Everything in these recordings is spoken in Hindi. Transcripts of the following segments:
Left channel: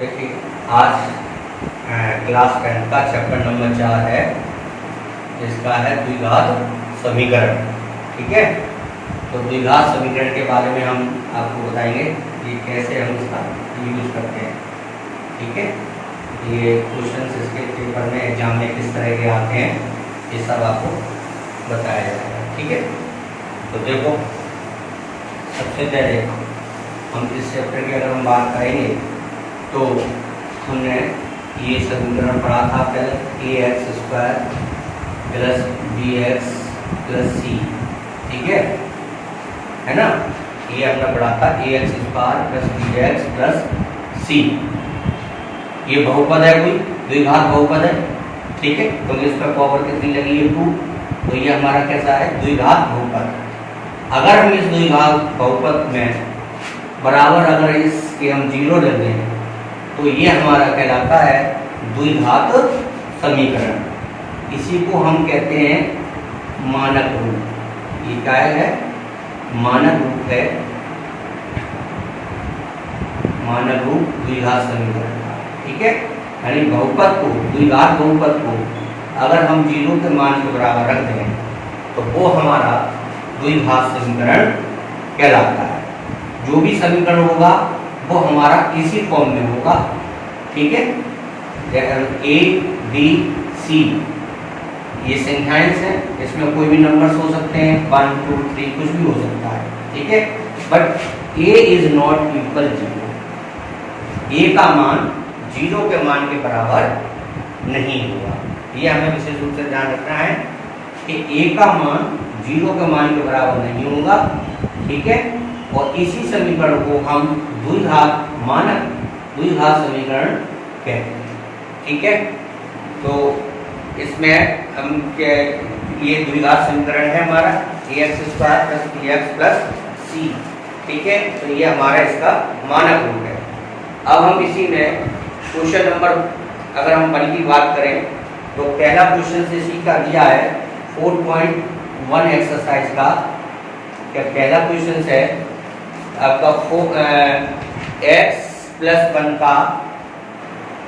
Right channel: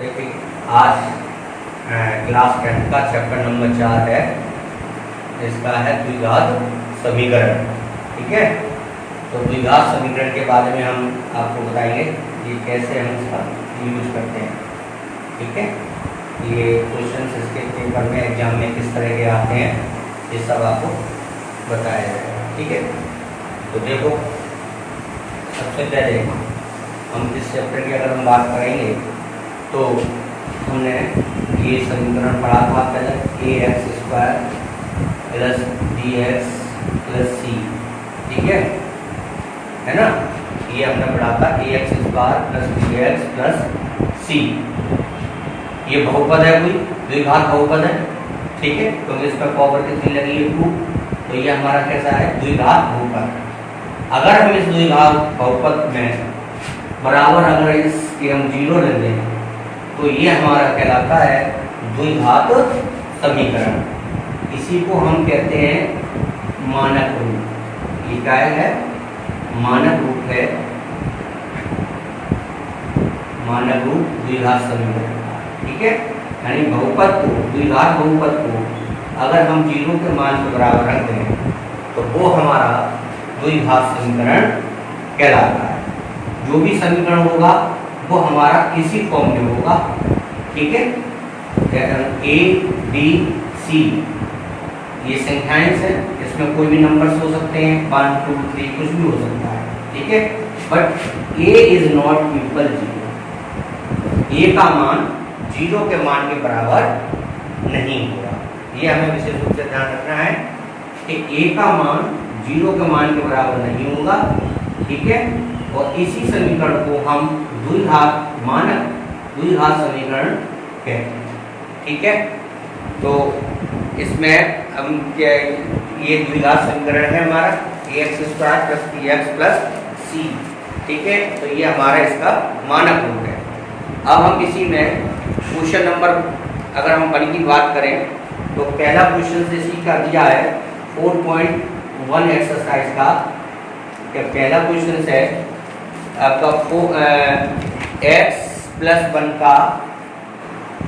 देखिए आज क्लास 10 का चैप्टर नंबर 4 है। इसका है द्विघात समीकरण। ठीक है, तो द्विघात समीकरण के बारे में हम आपको बताएंगे कि कैसे हम इसका यूज करते हैं। ठीक है, ये क्वेश्चंस इसके पेपर में एग्जाम में किस तरह के आते हैं ये सब आपको बताया जाएगा। ठीक है, तो देखो सबसे पहले हम इस चैप्टर की अगर हम बात करेंगे तो हमने ये समीकरण पढ़ा था पहले, A X square plus B X plus C. ठीक है ना, ये हमने पढ़ा था A X square plus B X plus C. ये बहुपद है, कोई द्विघात बहुपद है। ठीक है, क्योंकि इस पर पावर कितनी लगी है 2, तो ये हमारा कैसा है द्विघात बहुपद। अगर हम इस द्विघात बहुपद में बराबर अगर इसके हम 0 ले लें तो ये हमारा कहलाता है द्विघात समीकरण। इसी को हम कहते हैं मानक रूप। ये क्या है? मानक रूप है, मानक रूप द्विघात समीकरण। ठीक है, यानी बहुपद को, द्विघात बहुपद को अगर हम 0 के मान के बराबर रख दें तो वो हमारा द्विघात समीकरण कहलाता है। जो भी समीकरण होगा वो हमारा इसी फॉर्म में होगा। ठीक है, ए बी सी ये संख्याएं हैं, इसमें कोई भी नंबर्स हो सकते हैं, 1 2 3 कुछ भी हो सकता है। ठीक है, but A is not equal 0। ए का मान 0 के मान के बराबर नहीं होगा। ये हमें विशेष रूप से ध्यान रखना है कि ए का मान 0 के मान के बराबर नहीं होगा। ठीक है, और इसी समीकरण को हम द्विघात मानक द्विघात समीकरण कहते हैं। ठीक है, तो इसमें हम क्या, ये द्विघात समीकरण है हमारा A X square plus B X plus C. ठीक है, तो ये हमारा इसका मानक रूप है। अब हम इसी में क्वेश्चन नंबर अगर हम 1 की बात करें तो पहला क्वेश्चन इसी का दिया है 4.1 एक्सरसाइज का। क्या पहला क्वेश्चन है आपका एक्स प्लस 1 का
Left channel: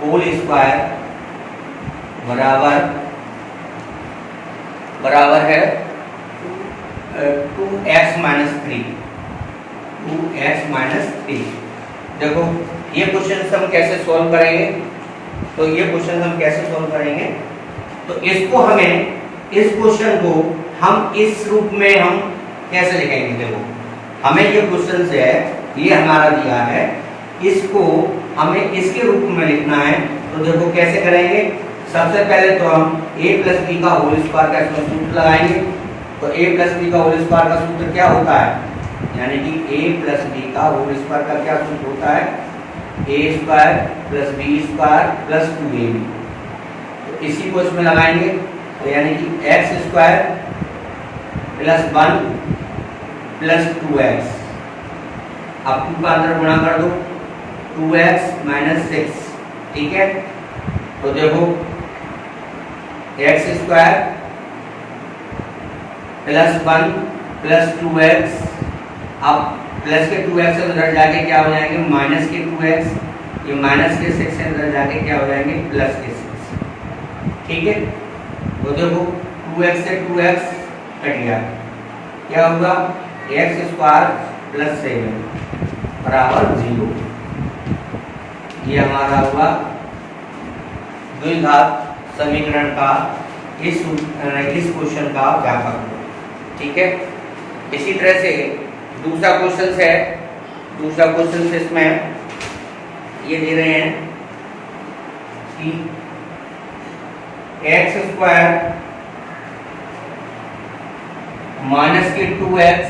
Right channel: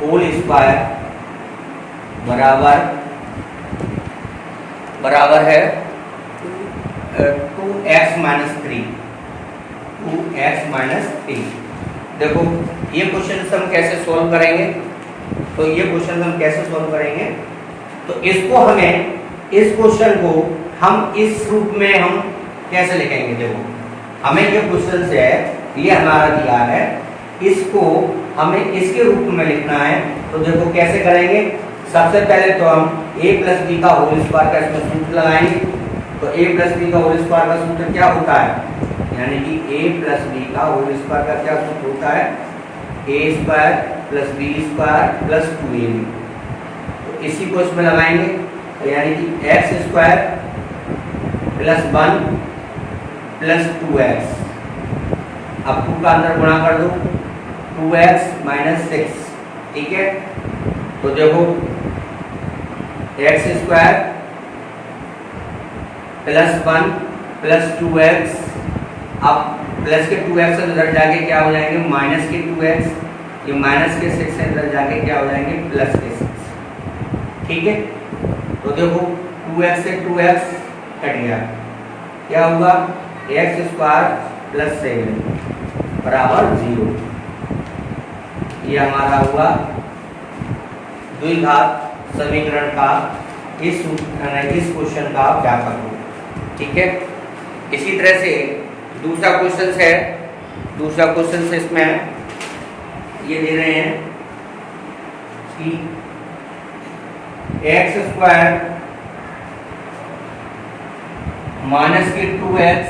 होल स्क्वायर बराबर है 2x माइनस 3। 2x minus 3। देखो ये क्वेश्चन हम कैसे सॉल्व करेंगे, तो ये क्वेश्चन हम कैसे सॉल्व करेंगे, तो इसको हमें, इस क्वेश्चन को हम इस रूप में हम कैसे लिखेंगे। देखो हमें ये क्वेश्चन है, ये हमारा दिया है, इसको हमें इसके रूप में लिखना है। तो देखो कैसे करेंगे। सबसे पहले तो हम a प्लस बी का होल स्क्वायर का इसमें सूत्र लगाएंगे। तो a प्लस बी का होल स्क्वायर का सूत्र क्या होता है, यानी कि a प्लस बी का होल स्क्वायर का क्या सूत्र होता है, a square plus B square plus 2ab। तो इसी को इसमें लगाएंगे, तो यानी कि x square plus 1 plus 2x। अब 2 का अंदर गुणा कर दो, 2x माइनस 6। ठीक है, तो देखो x square plus 1 plus 2x, अब प्लस के 2x अंदर जाके क्या हो जाएंगे माइनस के 2x, ये माइनस के 6 से अंदर जाके क्या हो जाएंगे प्लस के 6। ठीक है, तो देखो 2x से 2x कट गया, क्या होगा एक्स स्क्वायर प्लस 7 बराबर 0। ये हमारा हुआ द्विघात समीकरण का इस क्वेश्चन का व्यापक। ठीक है, इसी तरह से दूसरा क्वेश्चन है, दूसरा क्वेश्चन से इसमें ये दे रहे हैं कि एक्स स्क्वायर माइनस के 2x,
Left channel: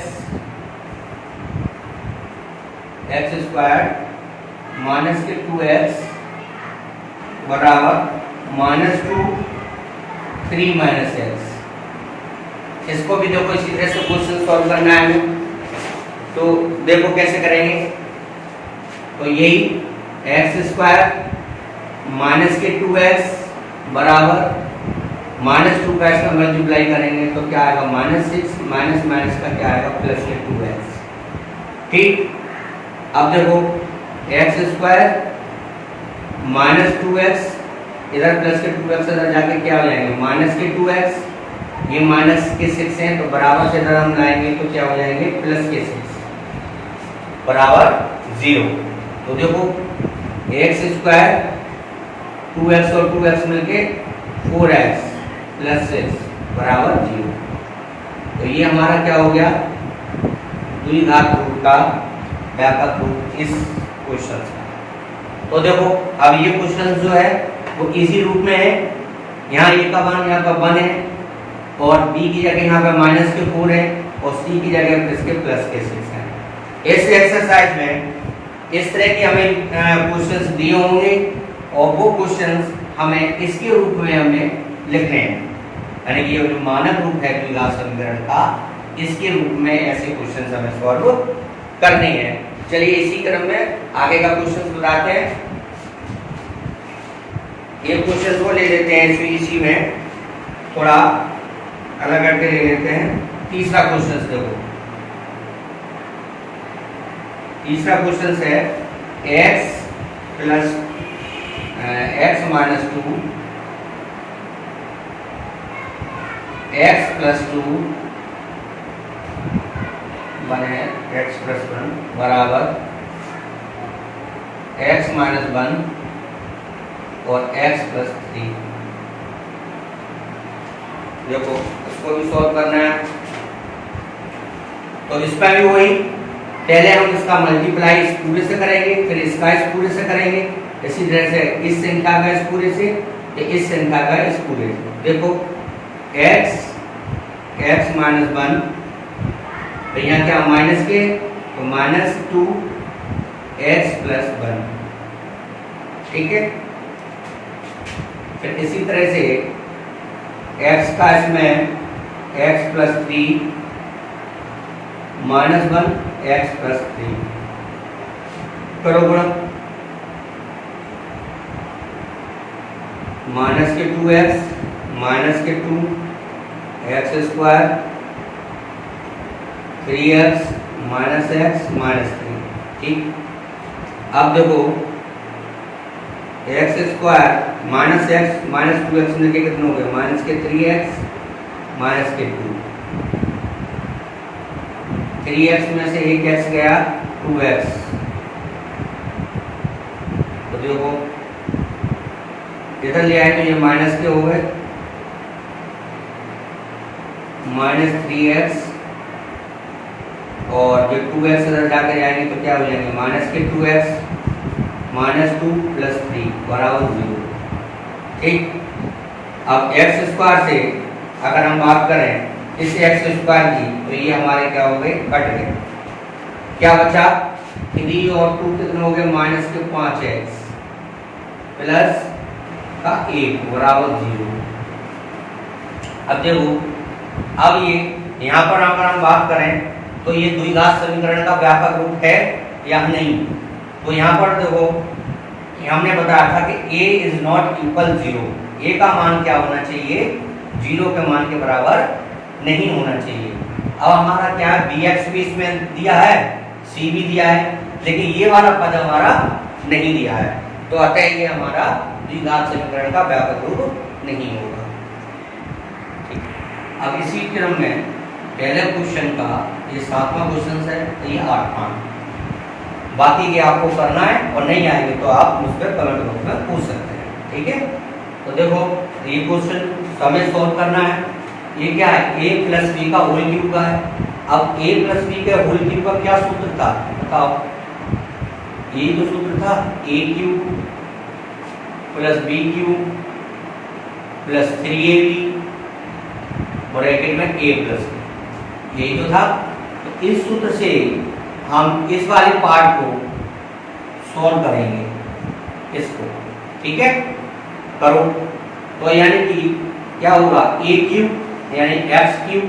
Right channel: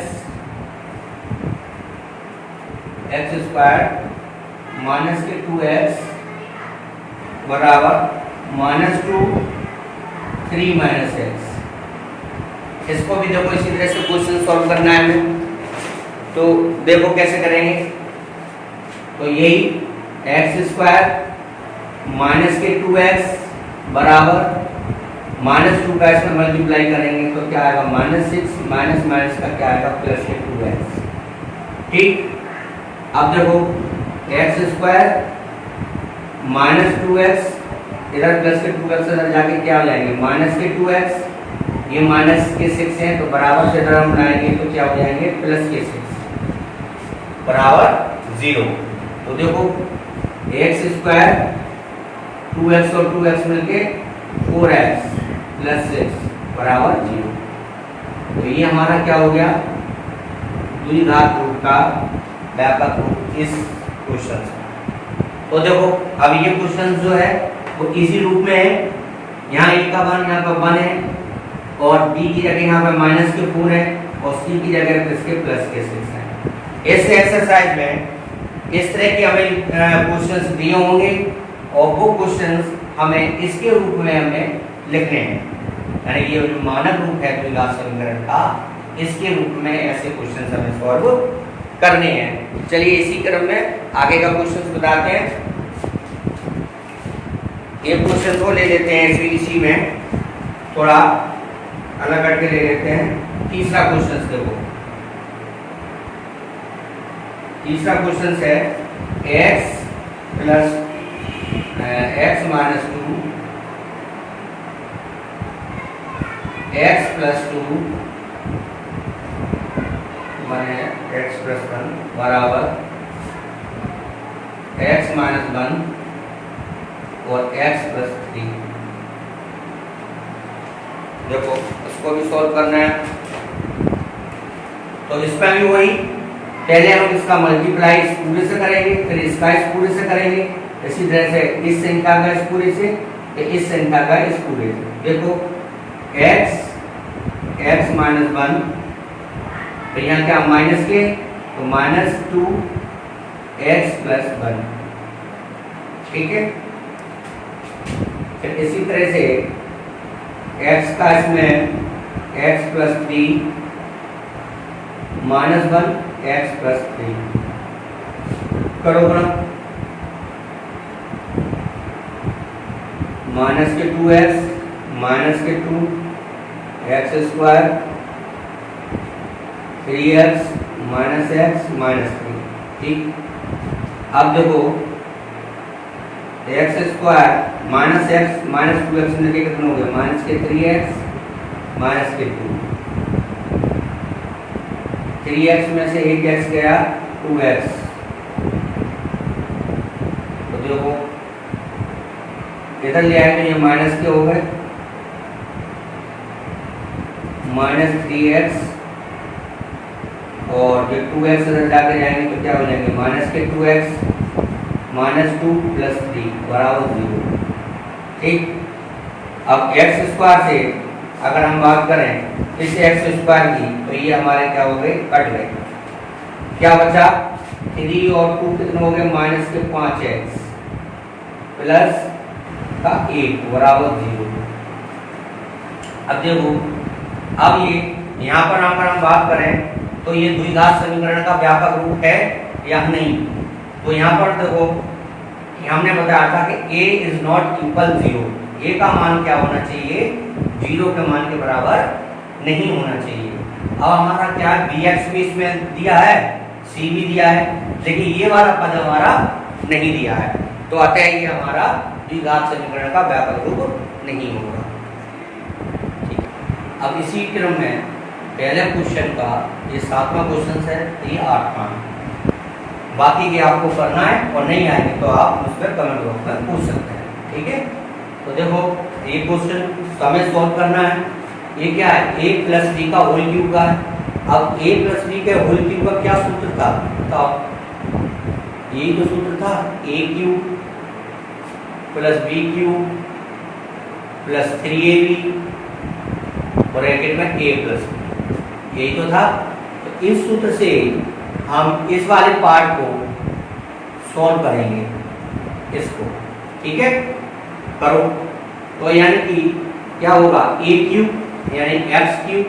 एक्स स्क्वायर माइनस के 2x बराबर -2 3 माइनस एक्स। इसको भी देखो इसी तरह से क्वेश्चन सॉल्व करना है हमें। तो देखो कैसे करेंगे, तो यही एक्स स्क्वायर माइनस के 2x बराबर -2 का इसमें मल्टीप्लाई करेंगे तो क्या आएगा -6, माइनस माइनस का क्या आएगा प्लस के 2x। ठीक, अब देखो एक्स स्क्वायर माइनस 2x, इधर प्लस के 2x इधर जाके क्या हो जाएंगे, माइनस के 2x, ये माइनस के 6 हैं तो बराबर से इधर हम लाएंगे तो क्या हो जाएंगे, प्लस के 6 बराबर 0। तो देखो एक्स स्क्वायर 2x और 2x मिलके 4x प्लस 6 बराबर 0। तो ये हमारा क्या हो गया, द्विघात रूप का व्यापक रूप इस क्वेश्चन से। तो देखो अब ये क्वेश्चन जो है वो इसी रूप में है, यहाँ a का मान यहाँ पर 1 है और b की जगह यहाँ पर माइनस के 4 है और c की जगह इसके प्लस के 6 है। इस एक्सरसाइज में इस तरह के हमें क्वेश्चंस दिए होंगे और वो क्वेश्चंस हमें इसके रूप में हमें लिखने हैं, यानी कि ये जो मानक रूप है द्विघात समीकरण का, इसके रूप में ऐसे क्वेश्चंस हमें सॉल्व करने हैं। चलिए इसी क्रम में आगे का क्वेश्चन बताते हैं। ये क्वेश्चन को ले लेते हैं इसी में थोड़ा अलग करके ले लेते हैं। तीसरा क्वेश्चन देखो, तीसरा क्वेश्चन है x plus x minus 2 x plus 2 बने x प्लस 1 बराबर x माइनस 1 और x प्लस 3। देखो इसको भी सॉल्व करना है, तो इसका भी वही, पहले हम इसका मल्टीप्लाई इस पूरे से करेंगे, फिर इसका इस पूरे से करेंगे, इसी तरह से इस संख्या का इस पूरे से, इस संख्या का इस पूरे से। देखो x माइनस 1, तो यहाँ क्या माइनस के, तो माइनस 2 x प्लस 1, ठीक है। फिर इसी तरह से x का इसमें x plus 3 minus 1 x plus 3 करो बड़ा, माइनस के 2x माइनस के 2 x square 3x minus x minus 3, ठीक। अब देखो x square minus x minus 2x मिलके कितना हो गया, माइनस के 3x माइनस के 2, 3x में से एक x गया 2x, तो देखो इधर ले आए तो ये माइनस के हो गए, माइनस 3x और जो 2x इधर जाके जाएंगे तो क्या हो जाएंगे, माइनस के 2x माइनस 2 प्लस 3 बराबर 0, ठीक। अब x स्क्वायर से अगर हम बात करें इस x स्क्वायर की, तो ये हमारे क्या हो गए, कट गए, क्या बचा 3 और 2 कितने हो गए, माइनस के 5x प्लस का 1 बराबर 0। अब देखो अब ये यहाँ पर अगर हम बात करें तो ये द्विघात समीकरण का व्यापक रूप है या नहीं, तो यहाँ पर देखो हमने बताया था कि a is not equal 0, a का मान क्या होना चाहिए, 0 के मान के बराबर नहीं होना चाहिए। अब हमारा क्या है, bx भी इसमें दिया है, c भी दिया है, लेकिन ये वाला पद हमारा नहीं दिया है, तो अतः ये हमारा द्विघात समीकरण का व्यापक रूप नहीं होगा, ठीक। अब इसी क्रम में पहले क्वेश्चन का ये 7वां क्वेश्चन है, तो ये 8वां, बाकी ये आपको करना है और नहीं आएंगे तो आप मुझ पर कमेंट बॉक्स में पूछ सकते हैं, ठीक है। तो देखो ये क्वेश्चन हमें सॉल्व करना है, ये क्या है, a प्लस बी का होल क्यूब का है। अब a प्लस बी के होल क्यूब का क्या सूत्र था, तो ये तो सूत्र था a cube plus B cube plus 3ab bracket में a प्लस बी, यही तो था। तो इस सूत्र से हम इस वाले पार्ट को सॉल्व करेंगे इसको, ठीक है, करो। तो यानी कि क्या होगा, a क्यूब यानी x क्यूब,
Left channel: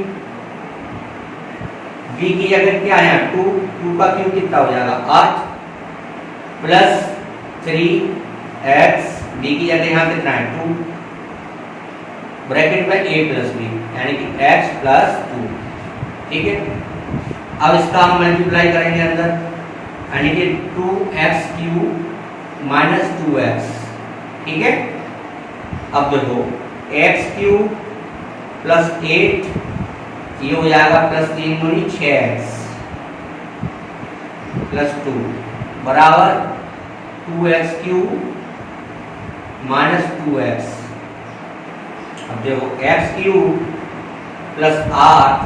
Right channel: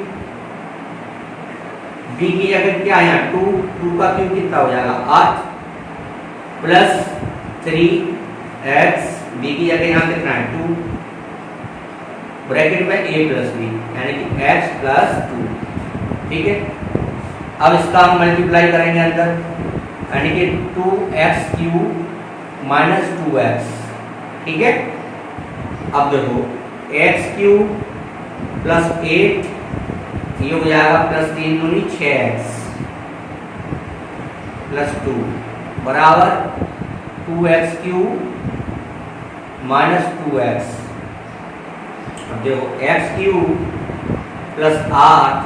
b की जगह क्या है 2, 2 का क्यूब कितना हो जाएगा 8 प्लस 3x, b की जगह यहाँ कितना है 2 ब्रैकेट में a प्लस b यानी कि x प्लस 2, ठीक है। अब इसका हम मल्टीप्लाई करेंगे अंदर, यानी कि 2x क्यूब माइनस 2x, ठीक है। अब देखो x³ प्लस 8 ये हो जाएगा प्लस 3 दूनी 6x प्लस 2 बराबर 2x³ माइनस 2x। अब देखो x³ plus 8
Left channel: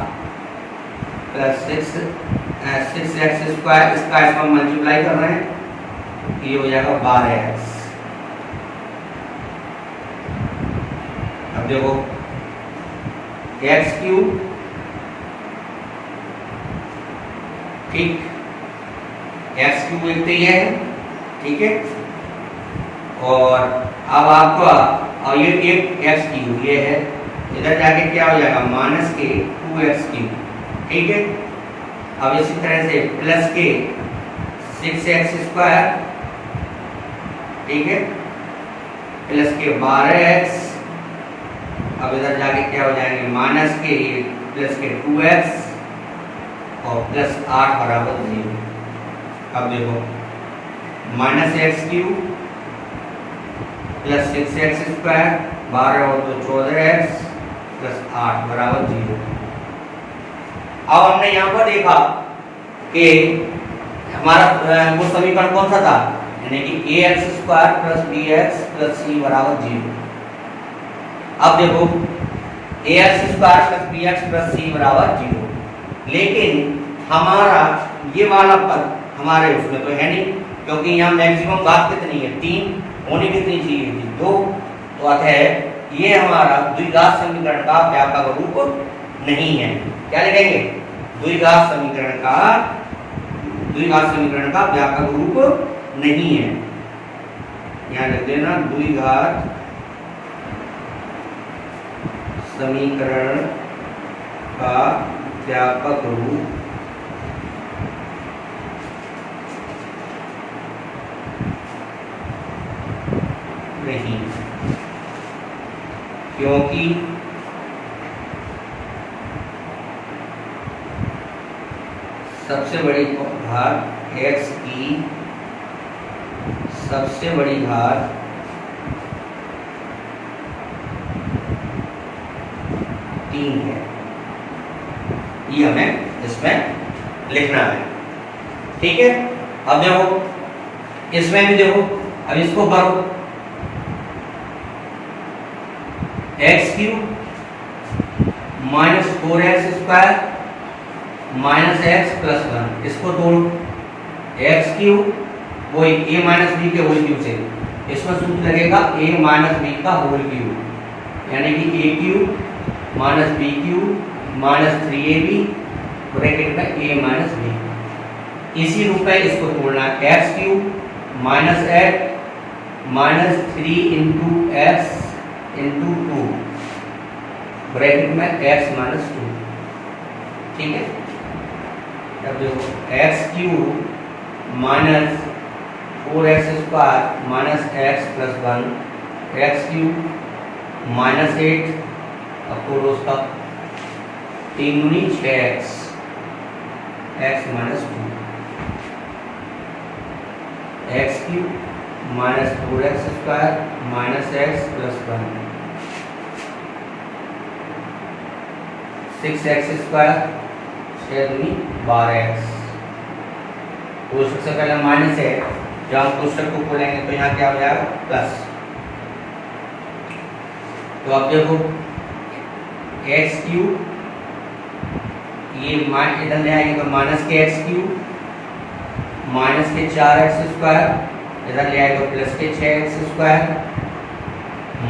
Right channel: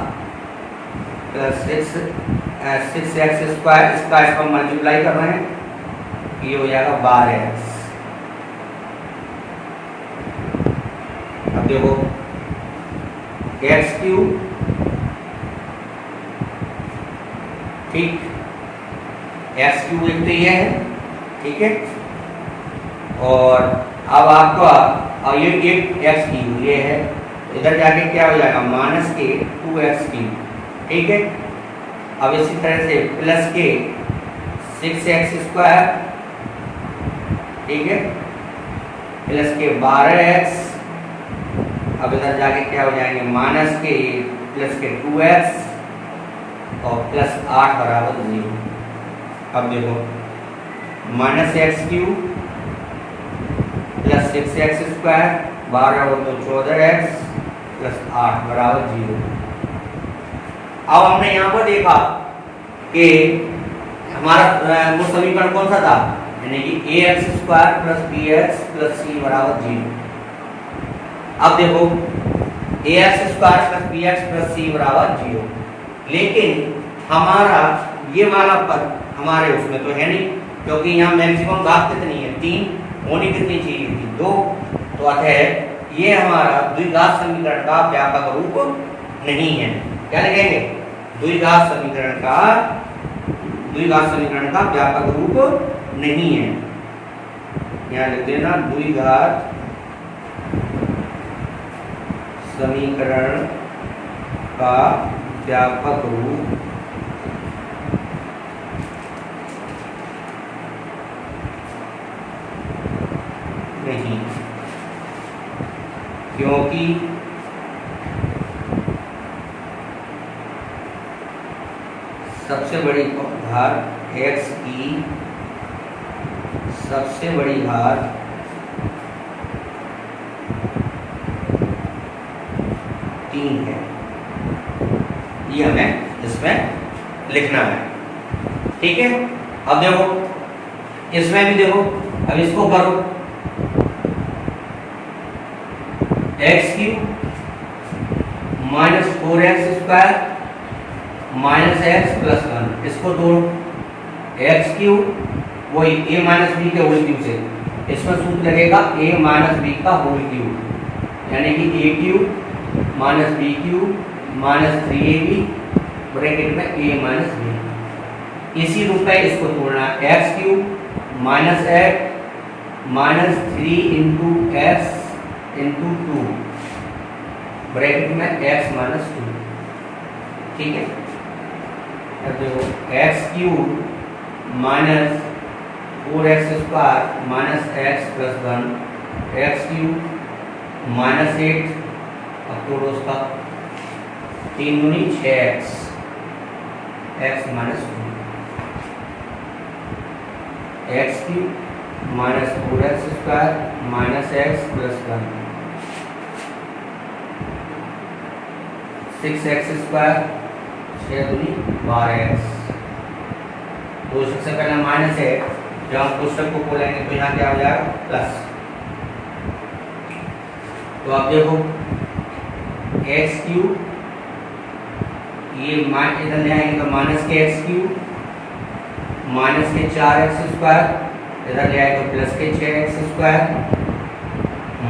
plus 6x square, इसका इसका मल्टीप्लाई कर रहे हैं, ये हो जाएगा 12x। अब देखो x³ ठीक, x³ एक तो ये है, ठीक है। और अब आपको अब ये एक x³ ये है, इधर जाके क्या हो जाएगा माइनस के 2x³, ठीक है। अब इसी तरह से प्लस के 6x स्क्वायर, ठीक है, प्लस के 12x। अब इधर जाके क्या हो जाएंगे माइनस के प्लस के 2x और प्लस 8 बराबर 0। अब देखो minus x³ plus 6x square 12 और 2 14x प्लस 8 बराबर 0। अब हमने यहाँ पर देखा कि हमारा वो समीकरण कौन सा था, यानी कि ax square plus bx plus c बराबर 0। अब देखो ax square plus bx plus c बराबर 0, लेकिन हमारा ये वाला पद हमारे उसमें तो है नहीं, क्योंकि यहाँ मैक्सिमम घात कितनी है 3, होनी कितनी चाहिए थी 2। तो अतः ये हमारा द्विघात समीकरण का व्यापक रूप नहीं है। क्या लिखेंगे, द्विघात समीकरण का व्यापक रूप नहीं है। यहाँ लिख देना द्विघात समीकरण का व्यापक रूप नहीं, क्योंकि सबसे बड़ी घात x की सबसे बड़ी घात तीन है, ये हमें इसमें लिखना है, ठीक है। अब देखो इसमें भी देखो, अब इसको करो x³ minus 4x square minus x plus 1, इसको तोड़ो x³ वही a माइनस बी के होल क्यूब से, इसमें सूत्र लगेगा a माइनस बी का होल क्यूब, यानी कि a³ minus b³ minus 3ab bracket में a माइनस बी। इसी रूप में इसको तोड़ना है x³ minus x minus 3 into x into 2 bracket में x माइनस 2, ठीक है। अब देखो x³ minus 4x square minus x plus 1 x³ minus 8, अब तोड़ो उसका 3 दूनी 6x x minus 2 x³ minus 4x square minus x plus 1 6x square 6 दूनी 12x। तो सबसे पहले माइनस है, जब हम कोष्टक को खोलेंगे तो यहाँ क्या हो जाएगा प्लस। तो अब देखो x³ ये इधर ले आएंगे तो माइनस के x³ माइनस के 4x स्क्वायर, इधर ले आए तो प्लस के 6x स्क्वायर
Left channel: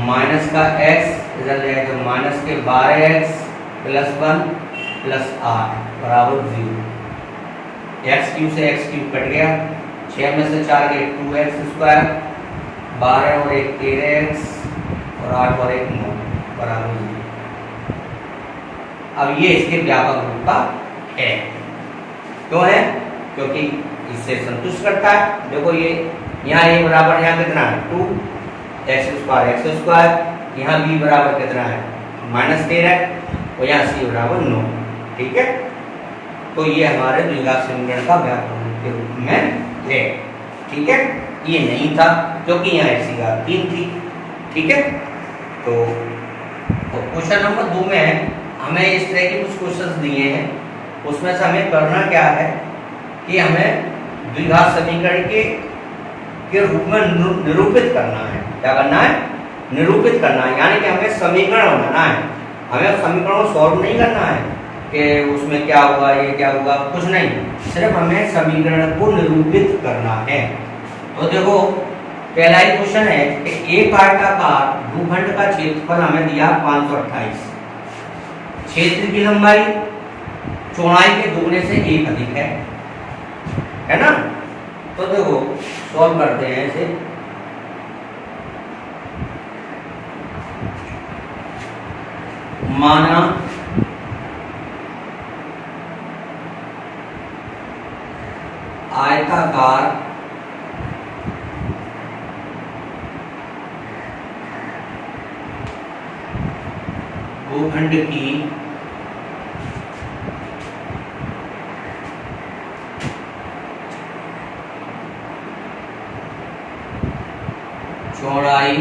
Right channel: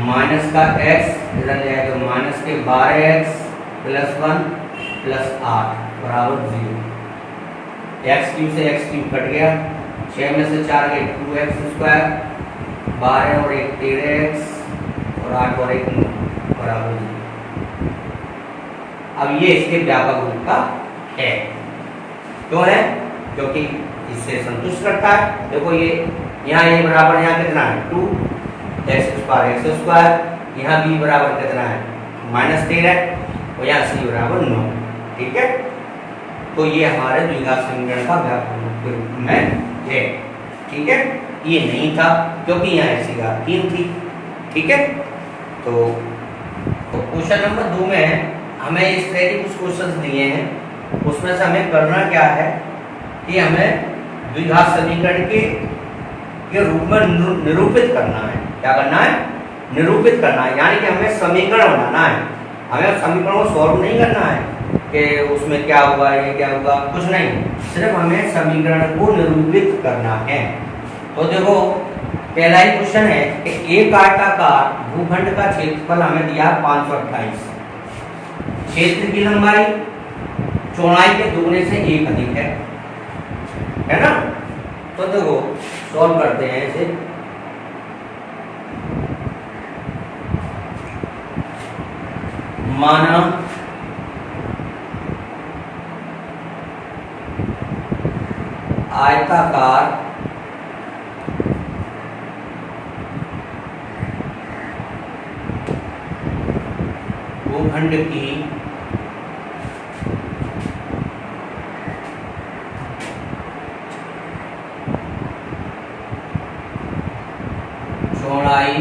माइनस का x, इधर ले आए तो माइनस के 12x प्लस 1 प्लस 8 बराबर 0। x³ से x³ कट गया, 6 में से 4 गए 2x स्क्वायर, 12 और 1 13x और 8 और 1 9 बराबर 0। अब ये इसके व्यापक रूप का है, क्यों है, क्योंकि इससे संतुष्ट करता है। देखो ये यहाँ a बराबर यहाँ कितना है 2 x स्क्वायर, यहाँ b बराबर कितना है माइनस 13 और यहाँ c बराबर 9, ठीक है। तो ये हमारे द्विघात समीकरण का व्यापक रूप के रूप में है, ठीक है। ये नहीं था क्योंकि यहाँ ऐसी घात 3 थी। ठीक है, तो क्वेश्चन नंबर 2 में हमें इस तरह के कुछ क्वेश्चंस दिए हैं, उसमें से हमें करना क्या है कि हमें द्विघात समीकरण के रूप में निरूपित करना है। क्या करना है? निरूपित करना है, यानी कि हमें समीकरण बनाना है। हमें समीकरण को सॉल्व नहीं करना है कि उसमें क्या हुआ, ये क्या हुआ, कुछ नहीं, सिर्फ हमें समीकरण को निरूपित करना है। तो देखो पहला ही क्वेश्चन है कि एक आयताकार भूखंड का क्षेत्रफल हमें दिया 528, क्षेत्र की लंबाई चौड़ाई के दुगने से 1 अधिक है ना। तो देखो सॉल्व करते हैं इसे। माना आयताकार भूखंड की चौड़ाई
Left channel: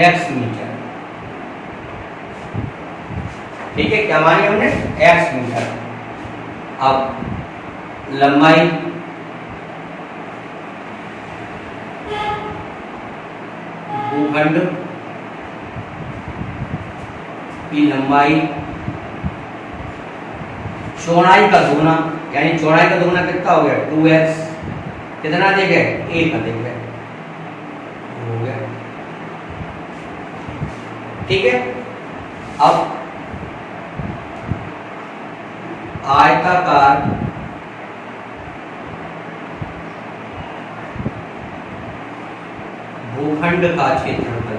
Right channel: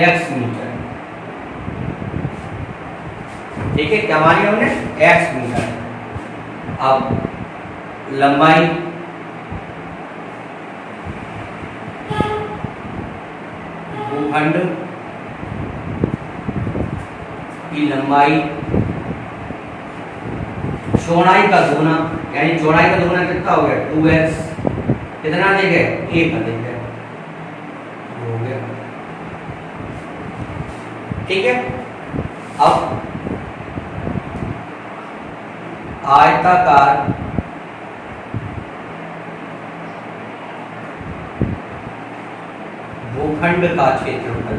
x मीटर। ठीक है, क्या मानी हमने? x metre. अब लंबाई भूखंड की लंबाई चौड़ाई का दोगुना, यानी चौड़ाई का दोगुना कितना हो गया? 2x। कितना अधिक है? 1 अधिक है, हो गया। ठीक है, अब आयताकार भूखंड का क्षेत्रफल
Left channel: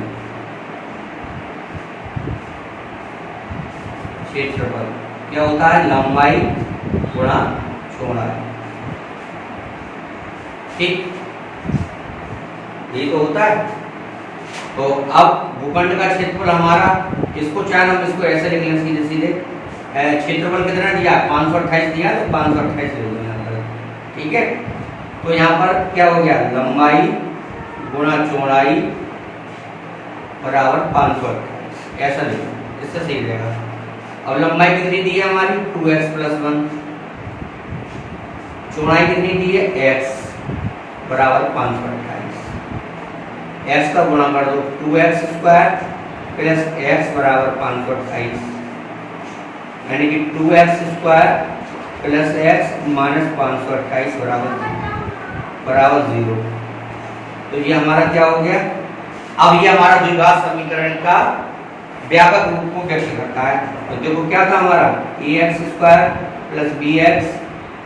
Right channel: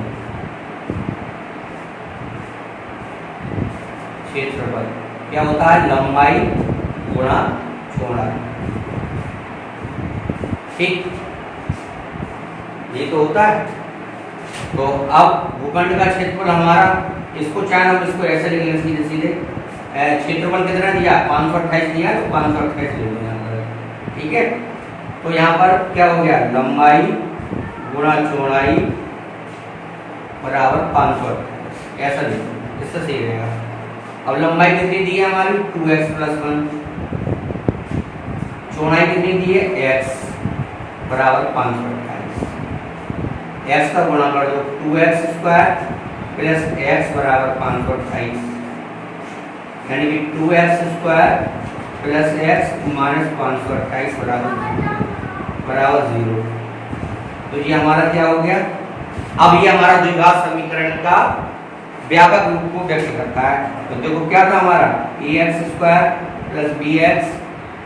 क्या होता है? लंबाई गुणा चौड़ाई। ठीक, ये तो होता है। तो अब भूखंड का क्षेत्रफल हमारा, इसको चाहे हम इसको ऐसे लिख लें सीधे सीधे, क्षेत्रफल कितना दिया? 528 दिया, तो 528 लिख लो यहाँ पर। ठीक है, तो यहाँ पर क्या हो गया? लंबाई गुणा चौड़ाई बराबर 528, ऐसा लिखो, इससे सही रहेगा। अब लंबाई कितनी दी है हमारी? 2x + 1। चौड़ाई कितनी दी है? x बराबर 528। x का गुणा कर दो, 2x² + x बराबर 528, यानी कि 2x² + x - 528 बराबर 0। तो ये हमारा क्या हो गया? अब ये हमारा द्विघात समीकरण का व्यापक रूप को व्यक्त करता है। तो देखो क्या था हमारा? ax² + bx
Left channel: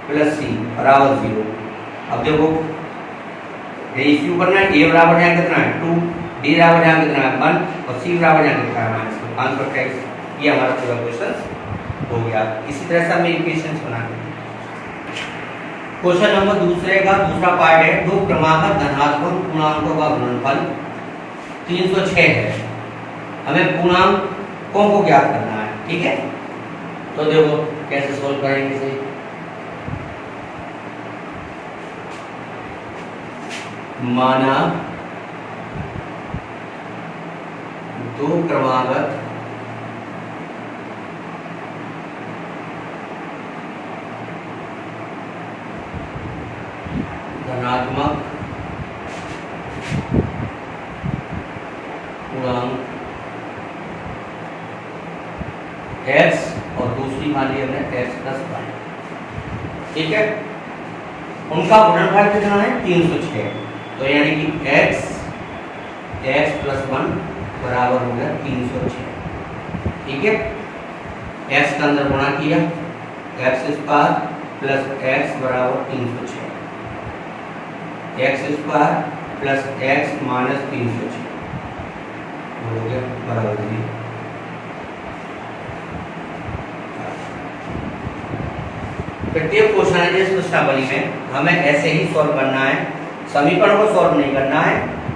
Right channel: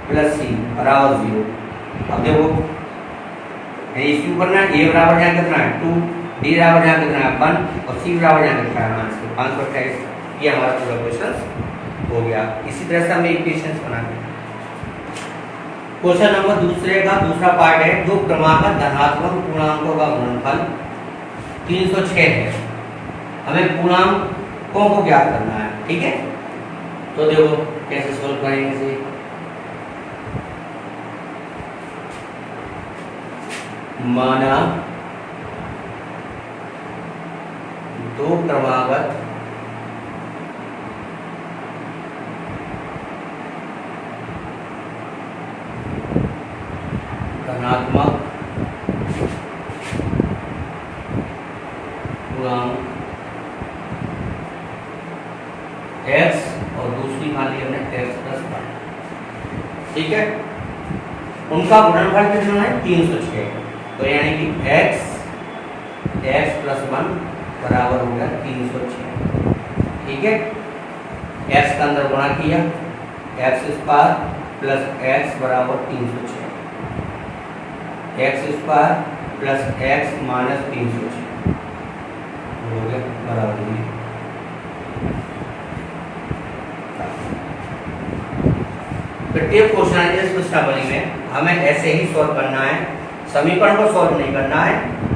+ c बराबर 0। अब देखो इसके ऊपर ना a बराबर यहाँ कितना है? 2, b बराबर यहाँ कितना है? 1 और c बराबर यहाँ कितना है? -528। ये हमारा पूरा क्वेश्चन हो गया। इसी तरह से हमें इक्वेशंस बनाने। क्वेश्चन नंबर दूसरे का दूसरा पार्ट है, दो क्रमागत धनात्मक पूर्णांकों का गुणनफल 306 है। हमें पूर्णांकों को ज्ञात करना है। ठीक है, तो देखो कैसे सोल्व करेंगे इसे। माना दो क्रमागत धनात्मक पूर्णांक x और दूसरी मान ली हमने x + 1। ठीक है, उनका गुणनफल कितना है? 306। तो यानी कि x + 1 बराबर हो गया 306। ठीक है, x का अंदर गुणा किया, x² + x बराबर 306, x² + x - 306 हो गया बराबर 0। प्रत्येक क्वेश्चन इस प्रश्नावली में हमें ऐसे ही सॉल्व करना है, समीकरण को सॉल्व नहीं करना है।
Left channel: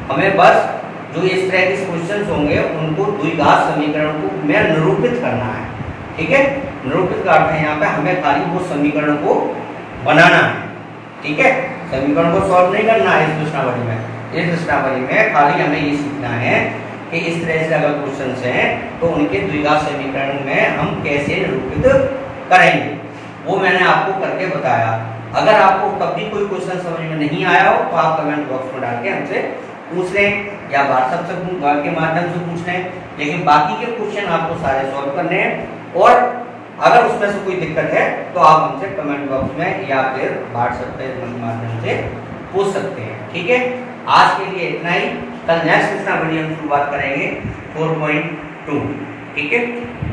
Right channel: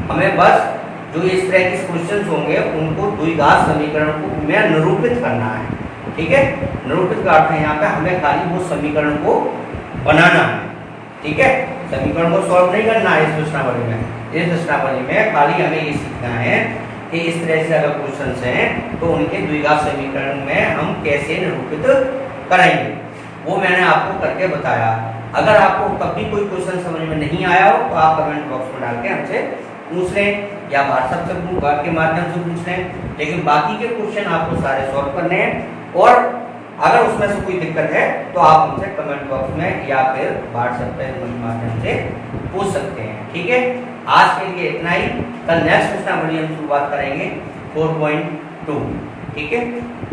हमें बस जो इस तरह के क्वेश्चन होंगे उनको द्विघात समीकरण को में निरूपित करना है। ठीक है, निरूपित का अर्थ है यहाँ पे हमें खाली वो समीकरण को बनाना है। ठीक है, समीकरण को सॉल्व नहीं करना है इस प्रश्नावली में। इस प्रश्नावली में खाली हमें ये सीखना है कि इस तरह से अगर क्वेश्चन हैं तो उनके द्विघात समीकरण में हम कैसे निरूपित करेंगे, वो मैंने आपको करके बताया। अगर आपको तब भी कोई क्वेश्चन समझ में नहीं आया हो तो आप कमेंट बॉक्स में डाल के हमसे पूछ लें या व्हाट्सएप से के माध्यम से पूछ लें, लेकिन बाकी के क्वेश्चन आपको सारे सॉल्व करने हैं। और अगर उसमें से कोई दिक्कत है तो आप हमसे कमेंट बॉक्स में या फिर व्हाट्सएप के माध्यम से पूछ सकते हैं। ठीक है, आज के लिए इतना ही। कल नेक्स्ट प्रश्नावली हम शुरुआत करेंगे 4.2। ठीक है।